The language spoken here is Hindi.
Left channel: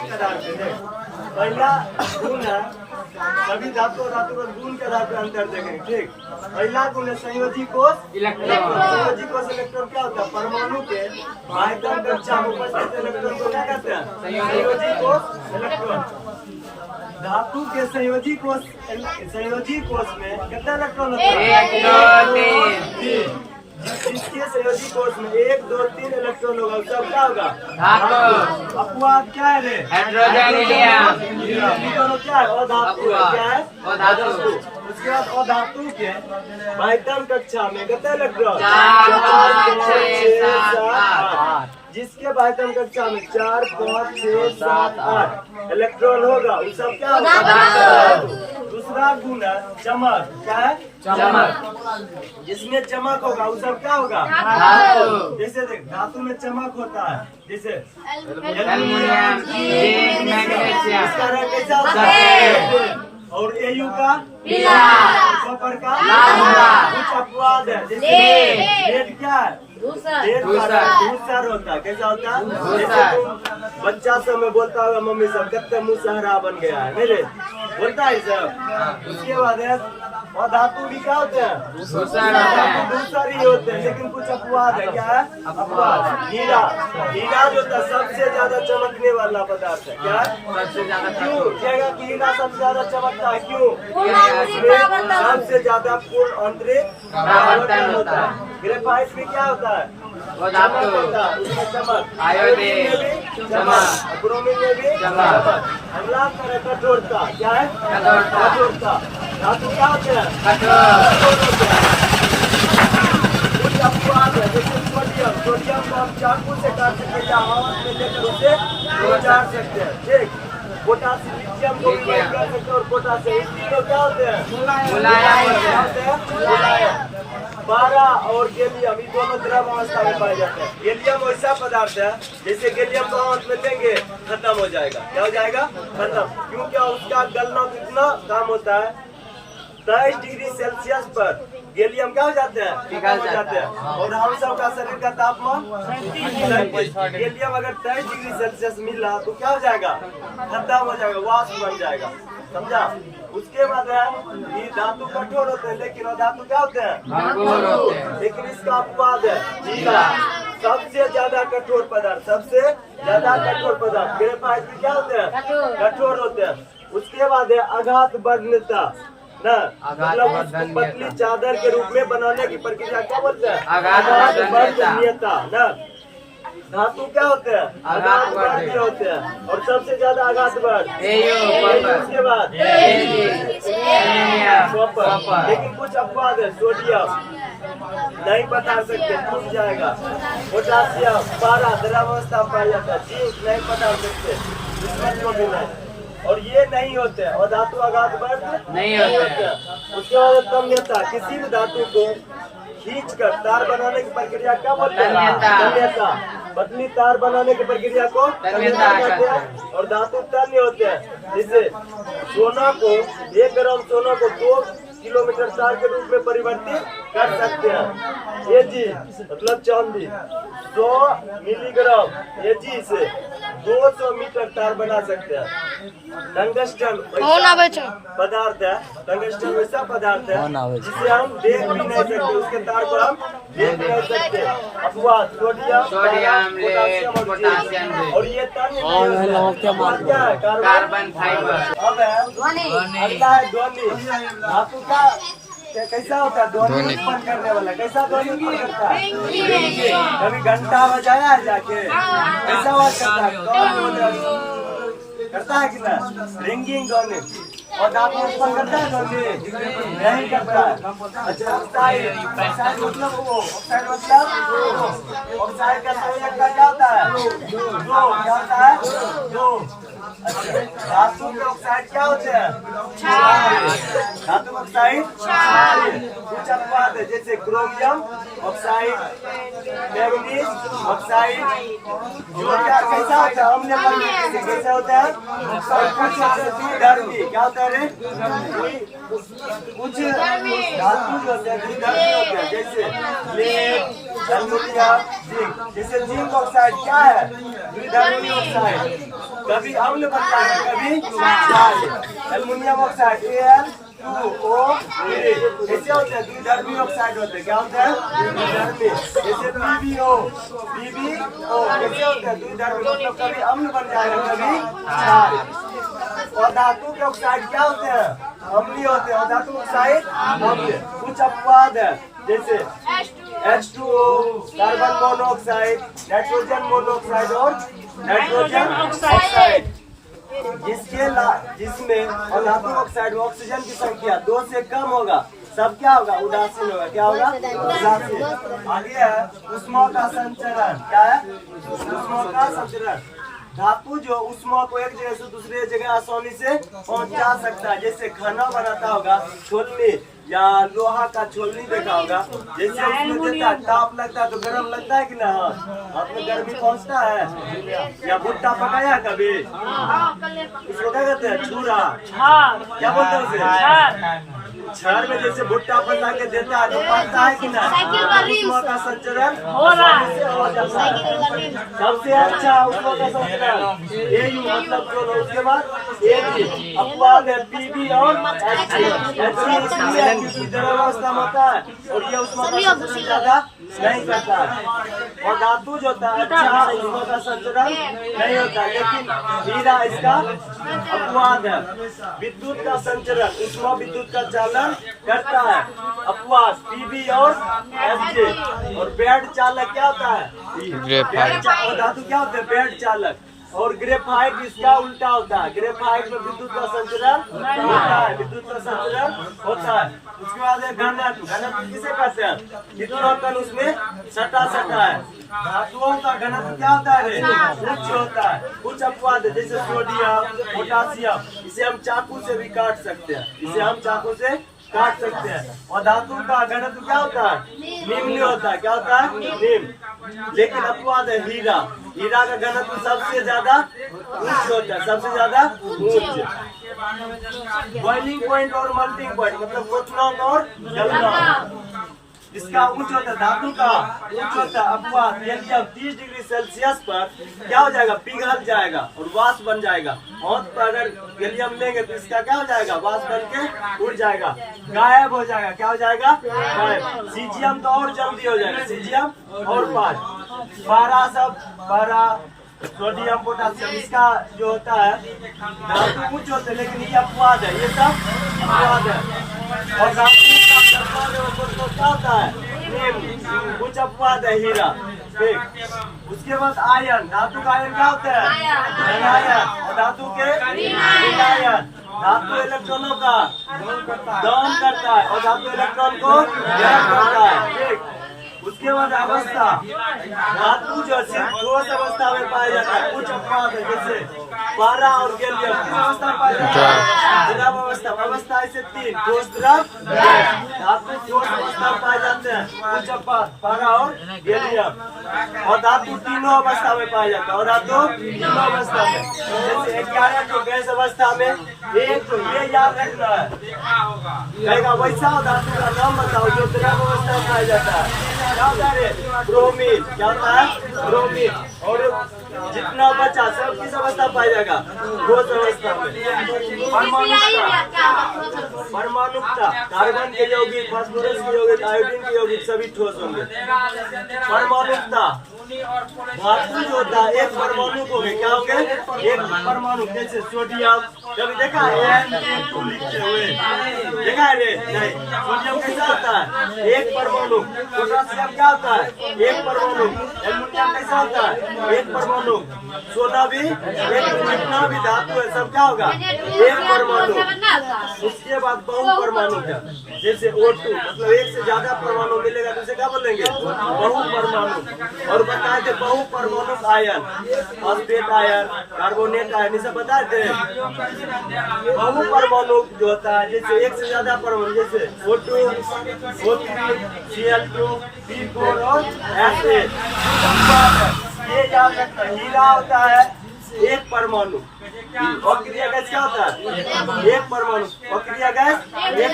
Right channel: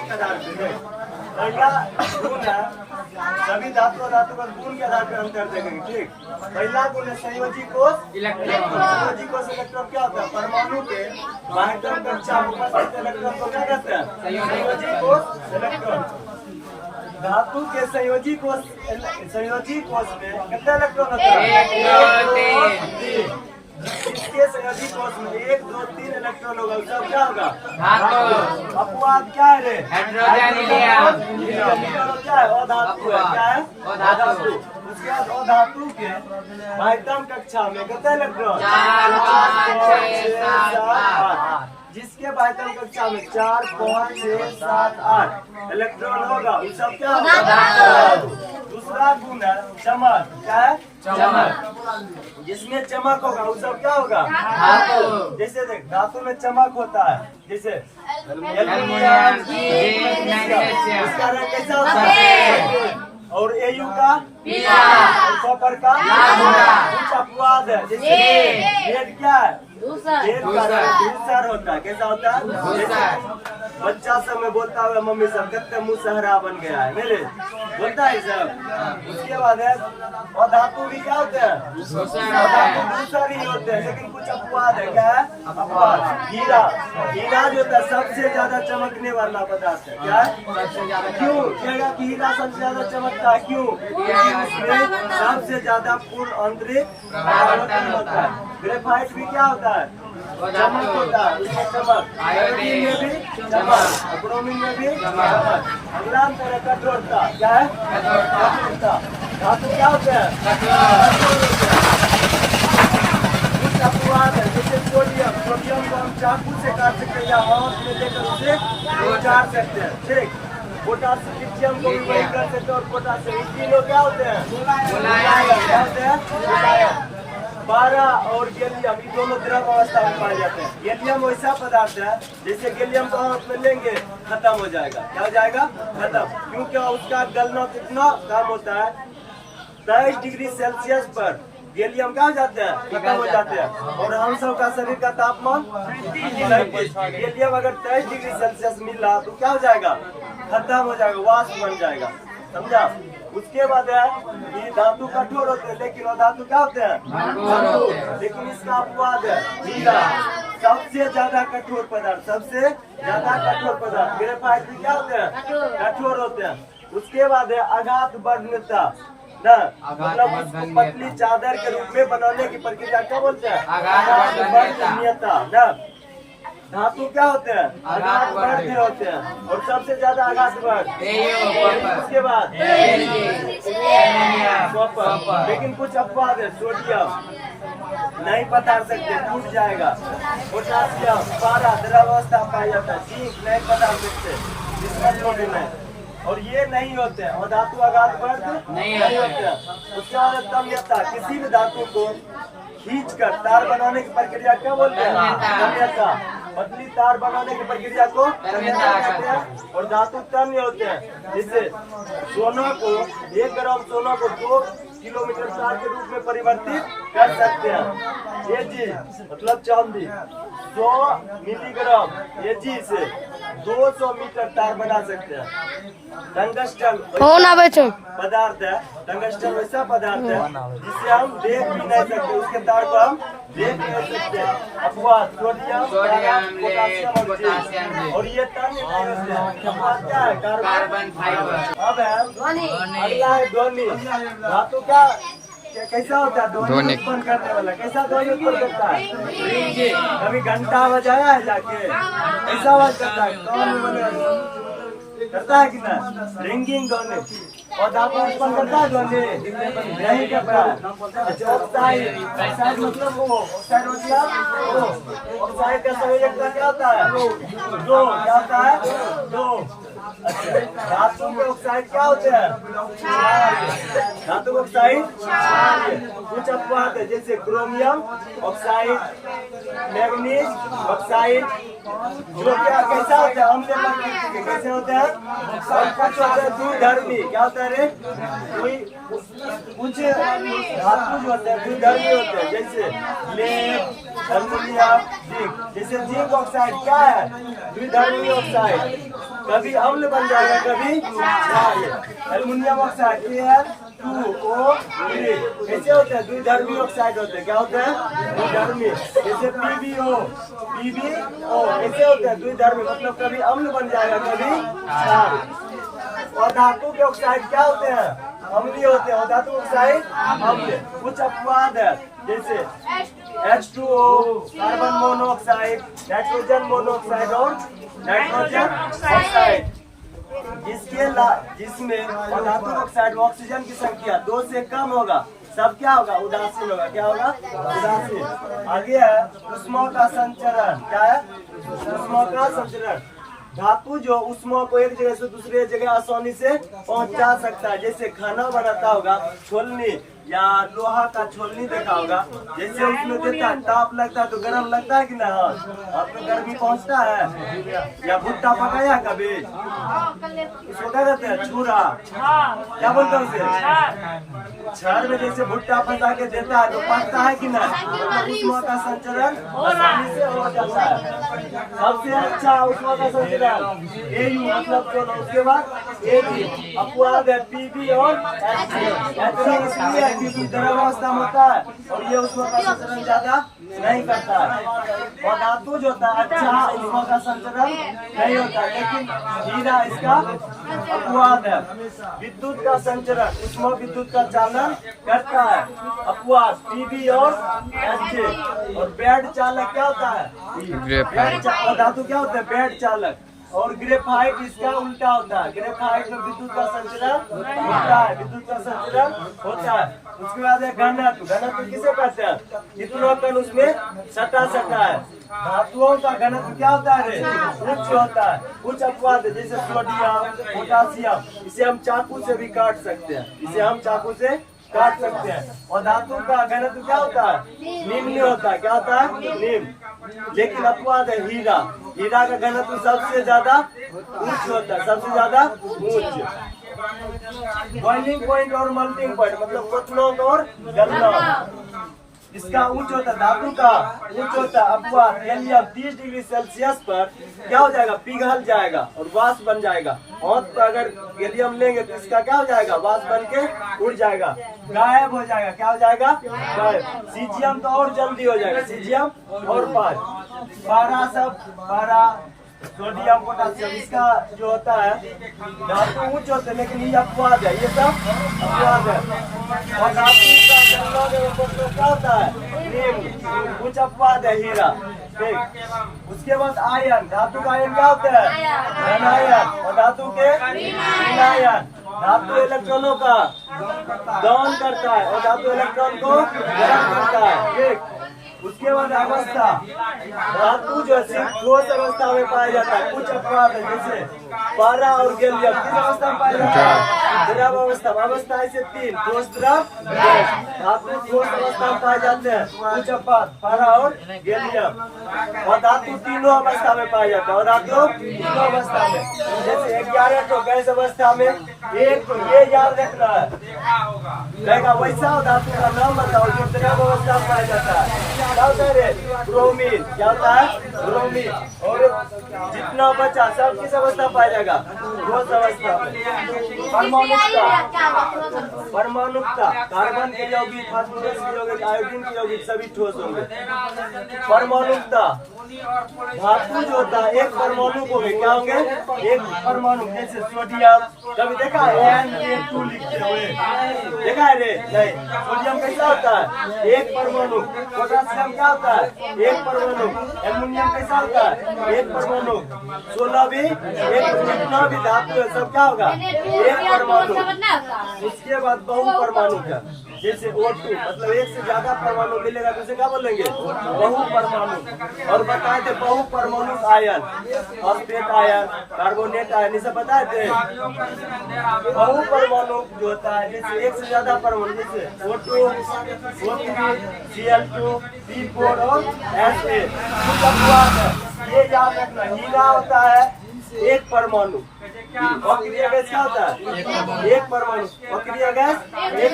पहला गुण है, सभी धातु और धातु का गुण के आधार पर अंतर देखेंगे। ठीक, पहला गुण है संयोजी कोष इलेक्ट्रॉन। संयोजी कोष इलेक्ट्रॉन क्या होता है? परमाणु के बाह्यतम कक्षा में उपस्थित इलेक्ट्रॉन को क्या कहते हैं? संयोजी कोष इलेक्ट्रॉन। धातु के संयोजी कोष में कितना इलेक्ट्रॉन होता है? जिसके संयोजी कोष में 1, 2, 3 इलेक्ट्रॉन होगा उसका क्या होगा? धातु। अपवाद क्या है? हाइड्रोजन क्या है? अधातु है। क्या है? अधातु। उसके बाद अधातु के बाह्यतम कक्षा में कितना इलेक्ट्रॉन? 4, 5, 6, 7, 8। जिसके बाह्यतम कक्षा में 4, 5, 6, 7, 8 इलेक्ट्रॉन होगा उस सब क्या होगा? दूसरा गुण है चमक। क्या है? चमक। जिसमें चमक होगा उस सब क्या होगा? धातु। जैसे देख, धातु में चमक होता है, जैसे एल्युमिनियम, जिंक, मैग्नीशियम। इसका रंग कैसा होता है? और एयू का पीला, और कॉपर का लाल। कुछ अपवाद है, जैसे लेड क्या है? लेड का रंग धूसर होता है। कैसा होता है? जैसे बच्चा सब में बोलता होगा मम्मी सब कितने मुँह सहरा बन गया है, मेरे बोलता है सब। उसके बाद है और धातु भी क्या होते हैं? दूसर ही होते हैं, लेकिन कुछ अपवाद है। क्या है? अपवाद। हीरा, हीरा जो होता है सबसे ज्यादा चमकने वाला पदार्थ है। क्या है? क्यों कहेगा कि हीरा सबसे ज्यादा चमकता है? क्यों? इसमें सबसे ज्यादा पूर्ण आंतरिक परावर्तन होता है। ग्रेफाइट भी क्या होता है? चमक होता है, उसमें चमक। आयोडीन में भी चमक, ब्रोमीन में भी चमक। अगला है कठोरता। क्या है? कठोरता। धातु क्या होते हैं? कठोर होते हैं। कुछ अपवाद है, लेकिन सोडियम को हम चाकू से काट सकते हैं, चाट सकते हैं। ठीक, पोटासियम को भी कर सकते हैं और पोटासियम तीनों क्या होते हैं? मुलायम। पारा और गैलियम ये दोनों द्रव अवस्था में पाए जाते हैं। गैलियम ऐसा पदार्थ है जैसे गैलियम को हाथ में लेंगे खत्म हो जाएगा। क्या हो जाएगा? खत्म। क्योंकि उसका गलना कितना काम होता है? 23 डिग्री सेल्सियस पर गैलियम क्या हो जाते हैं? खत्म हो जाते हैं। और हम सब का शरीर का तापमान 37। गैलियम अगर 23 डिग्री सेल्सियस मिला तो क्या हो जाएगा? खत्म हो जाएगा, वाष्प बन जाएगा। समझा? उसके बाद है ये धातु कठोर होते हैं, लेकिन वो धातु क्या होते हैं? लेकिन इसका अपवाद है हीरा, सबसे ज्यादा कठोर पदार्थ। सबसे ज्यादा कठोर पदार्थ। ग्रेफाइट भी क्या होते हैं? कठोर होते हैं। उसके बाद है आघात वर्णता न, मतलब उसको पतली चादर के रूप में बनाने की प्रक्रिया क्या बोलते हैं? आघात वर्णनीयता न। धातु क्या होते हैं? आघात वर्णीय होते हैं। और सबसे ज्यादा आघात वर्ण। उसके बाद लेकिन कुछ अपवाद है। सोडियम नहीं बता सकते, टूट जाएगा। पोटासियम पारा द्रवावस्था पाया जाता है। जिंक नहीं बता सकते, इसमें भी नहीं। और ये नहीं होते हैं। और धातु आघात वर्ग नहीं होते हैं। उसके बाद तन्यता, किसी भी धातु को खींच कर तार बनाने की प्रक्रिया क्या बोलते हैं? तन्यता। पतली तार बनाने की प्रक्रिया को तन्यता कहते हैं। और धातु तन्य होते हैं, जिससे सोना को 1 ग्राम सोना को 2 किलोमीटर तार के रूप में परिवर्तित कर सकते हैं। एजी मतलब चांदी 100 मिलीग्राम एजी से 200 मीटर तार बना सकते हैं। टंगस्टन पदार्थ है। टंगस्टन वैसा पदार्थ है जिसे हम देख भी नहीं सकते, उसके तार को हम देख भी नहीं सकते। अपवाद सोडियम, पोटासियम और ये अपवाद क्या है? Carbon fibre. अब है अगला है ध्वनि। धातु का कैसा होता है? ध्वनि उत्पन्न करने वाला। कैसा ध्वनि उत्पन्न करता है? रिंगिंग। कभी घंटा बजाया है जाके कैसा आवाज करता है? कौन करता है कि ना? रिंगिंग ध्वनि। और धातु उत्पन्न करता है ध्वनि? नहीं करता है। अच्छा, ऑक्साइड मतलब वो, ऑक्साइड मतलब ऑक्साइड का संयोजकता क्या होता है? दो। क्या होता है? दो। अच्छा, धातु के ऑक्साइड क्या होते हैं? धातु ऑक्साइड कुछ अपवाद है, जैसे क्रोमियम ऑक्साइड, मैग्नीज ऑक्साइड, जो क्या कैसा होता है? अम्लीय प्रकृति के कैसे होते हैं? और कुछ होते हैं द्विधर्मी। क्या होता है रे? कुछ धातु जो होते हैं द्विधर्मी होते हैं, जैसे लेड, एल्युमिनियम, जिंक। जैसे जिंक ऑक्साइड क्या है? द्विधर्मी ऑक्साइड, कभी अम्ल बन जाएगा कभी क्षारीय। एल्युमिनियम ऑक्साइड Al2O3 कैसे होते हैं? द्विधर्मी ऑक्साइड होते हैं। क्या होते हैं? द्विधर्मी। जैसे PbO कैसे होते हैं? द्विधर्मी, मतलब कभी अम्ल बन जाएगा कभी क्षारीय। और धातु के ऑक्साइड क्या होते हैं? अम्लीय होते हैं। और धातु ऑक्साइड अम्लीय। कुछ अपवाद है, जैसे H2O, carbon monoxide, nitrogen monoxide और नाइट्रोजन ऑक्साइड, जिसमें और धातु ऑक्साइड में ऑक्सीजन की संख्या 2 से कम होगा, सब क्या होगा? उदासीन होगा। क्या होगा? उदासीन। आगे है ऊष्मा का संचरण। क्या है? ऊष्मा का संचरण। धातु जो ऊष्मा को एक जगह से दूसरे जगह आसानी से पहुंचा सकता है, जैसे खाना बनाता होगा छोलनी या लोहा का छोलनी देखा होगा, जैसे उसमें देता है ताप लगता है तो गर्म लगता है कि ना? हाथ में गर्मी पहुंचता है। या भुट्टा पकाया कभी? इसको क्या कहते हैं? छुरा। क्या बोलते हैं उसे? छार में जैसे भुट्टा पका के देता है तो पकता है कि ना? ऊष्मा का संचरण हो जाता है। सबसे अच्छा ऊष्मा का संचरण AU, मतलब जो। उसके बाद AG, अपवाद है PB और HG। द्रव अवस्था में होता है और ये ऊष्मा का संचरण ज्यादा नहीं करता है। और धातु जो होता है अच्छा ऊष्मा का संचरण नहीं होता, लेकिन हीरा इसका अपवाद है। विद्युत का संचरण, ऊष्मा विद्युत का चालन करता है, अपवाद PB और HG। और बेड चालक क्या होता है? और धातु क्या होता है? बेड चालक। और ग्रेफाइट इसका उल्टा होता है। ग्रेफाइट में विद्युत का संचरण होता है, विद्युत का संचरण होता है। उसके बाद है घनत्व। घनत्व किसे कहते हैं? कितना कण उसमें सटा है। धातुओं का घनत्व क्या होता है रे? उच्च होता है। कुछ अपवाद है, जैसे सोडियम, पोटासियम, इसे हम चाकू से भी काट सकते हैं। इसे हम चाकू से काट सकते हैं। और धातु का घनत्व क्या होता है? निम्न होता है। क्या होता है? निम्न। लेकिन अपवाद है हीरा। हीरा का घनत्व सबसे ज्यादा उच्च होता है, सबसे ज्यादा उच्च। बॉइलिंग पॉइंट और मेल्टिंग पॉइंट, मतलब क्वथनांक और गलनांक, इसका उच्च होता है। धातु का उच्च होता है अपवाद। यदि अब 30 डिग्री सेल्सियस पर क्या हो जाएगा? पिघल जाएगा और वाष्प बन जाएगा। हाथ पर अगर गैलियम लेंगे तो इसका क्या हो जाएगा? वाष्प बन के उड़ जाएगा, गायब हो जाएगा। क्या हो जाएगा? गायब। सीजियम तो और जल्दी हो जाएगा, सीजियम और पारा, सोडियम, पोटासियम, इसका जो होता है धातु उच्च होते हैं, लेकिन ये अपवाद है। ये सब अपवाद है। और धातु का क्या होता है? निम्न। कुछ अपवाद है हीरा। ठीक। उसके बाद आयन। धातु का आयन क्या होता है? धनायन। और धातु के ऋणायन। धातु इलेक्ट्रॉनों का दान करता है और धातु इलेक्ट्रॉन को ग्रहण करता है। ठीक। उसके बाद अवस्था। धातु जो सिर्फ ठोस अवस्था में पाया जाता है। कुछ अपवाद है, जैसे पारा और गैलियम किस अवस्था में पाया जाता है? द्रव अवस्था। अवस्था ऐसे 3, ठोस, द्रव, गैस। धातु ठोस अवस्था में पाए जाते हैं। कुछ अपवाद पारा और गैलियम। और धातु तीनों अवस्था में पाया जाता है। और धातु तीनों अवस्था में, जैसे 11 तो गैस अवस्था में, एक तो ये याद रखना है कहेगा वैसा धातु का नाम बताओ जो द्रव अवस्था में पाया जाता है। क्या होता है रे? ब्रोमीन। क्या होता है? ब्रोमीन। और जितना बचा सब किस अवस्था पाया जाएगा? ठोस अवस्था में। परमाणुकता, कार्बन के यौगिक, फास्फोरस के यौगिक, आयोडीन के यौगिक सभी ठोस होंगे। परमाणुकता, धातु जो होता है एक परमाणु को क्या होंगे? एक परमाणु, जैसे सोडियम, कभी देखा है N2 लिखते हुए? देखा है रे? नहीं। सोडियम कैसा होता है? एक परमाणु। पोटासियम क्या होता है? एक परमाणु। एल्युमिनियम कैसा होता है? एक परमाणु। सोना भी एक, जितना भी धातु है सब क्या होगा? एक परमाणु। उसके बाद बहु परमाणु है, जैसे O2, मतलब एक से ज्यादा परमाणु मिलेगा तो उसे क्या बोलेंगे? बहु परमाणु। और बताए थे बहु परमाणु ion, phosphate ion, carbonate ion, ये सब बताए थे। बहु परमाणु जो होता है जैसे एक से ज्यादा परमाणु, जैसे O2, O3, Cl2, C4 और Ha। ये याद रखना, हीरा होता है एक परमाणु, अक्रिय गैस क्या होता है एक परमाणु, अक्रिय गैस एक